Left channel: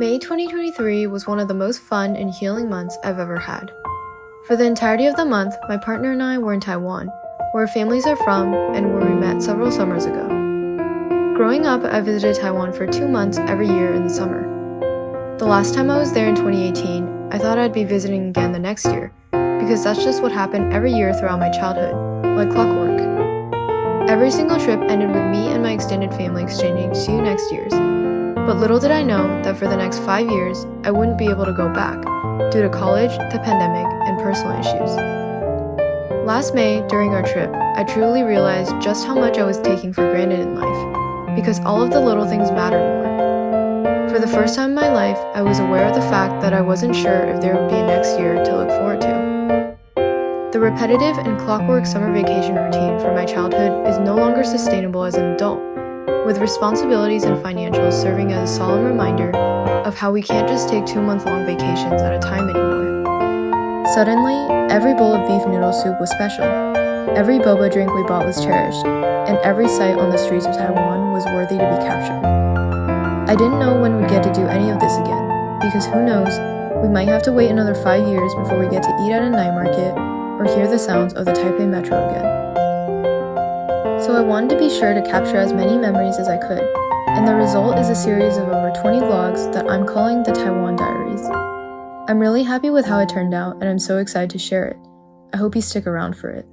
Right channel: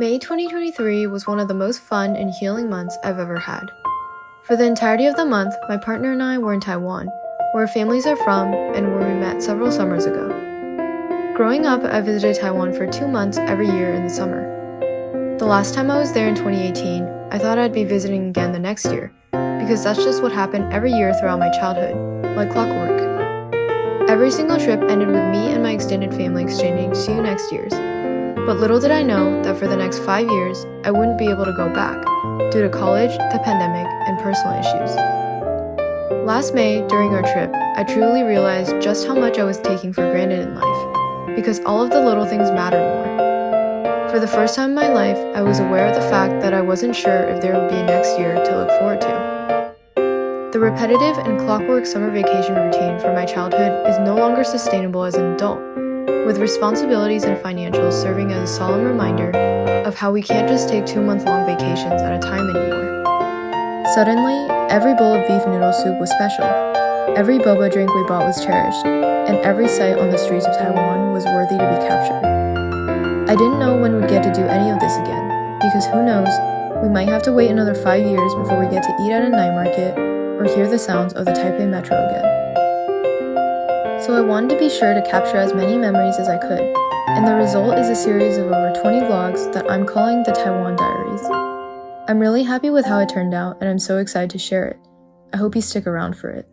May 2023 was one of the most fun and healing months I've ever had. For the entirety of the month, my partner and I were in Taiwan, where our families are from and where we met several summers ago. Growing up, I visited Taiwan for 2 months every year in the summer. The last time I was there in 2018, I thought I'd be visiting again the next year, because that's just what happened every year throughout my childhood, like clockwork. Every single trip ended with me and my extended family exchanging "see you next year's." But little did I know that for the next 5 years, I wouldn't be able to go back, due to college, the pandemic, and personal issues. Last May, during our trip, I truly realized just how much I was taking for granted in life, because all of the little things mattered more. For the first time in my life, I was aware of the fact that I wasn't sure if there would be a next year to look forward to. The repetitive and clockwork summer vacation routine from my childhood is no longer sustainable as an adult, with responsibilities and financials serving as a solemn reminder of how we can't just take 2-month-long vacations at a time anymore. Suddenly, every bowl of beef noodle soup was special, every boba drink we bought was cherished, and every sight on the streets of Taiwan was worthy to be captured. I didn't know when we'd get to do any of this again, because who knows, we might have to wait another 5 years before we get to eat at a night market or hear the sounds of the Taipei metro again. So I wanted to be sure to capture as many memories as I could, and the result is a series of over 20 vlogs that I'm calling the Taiwan Diaries. I'm really happy with how it turned out, and I'm so excited to share it. I hope you stick around for it.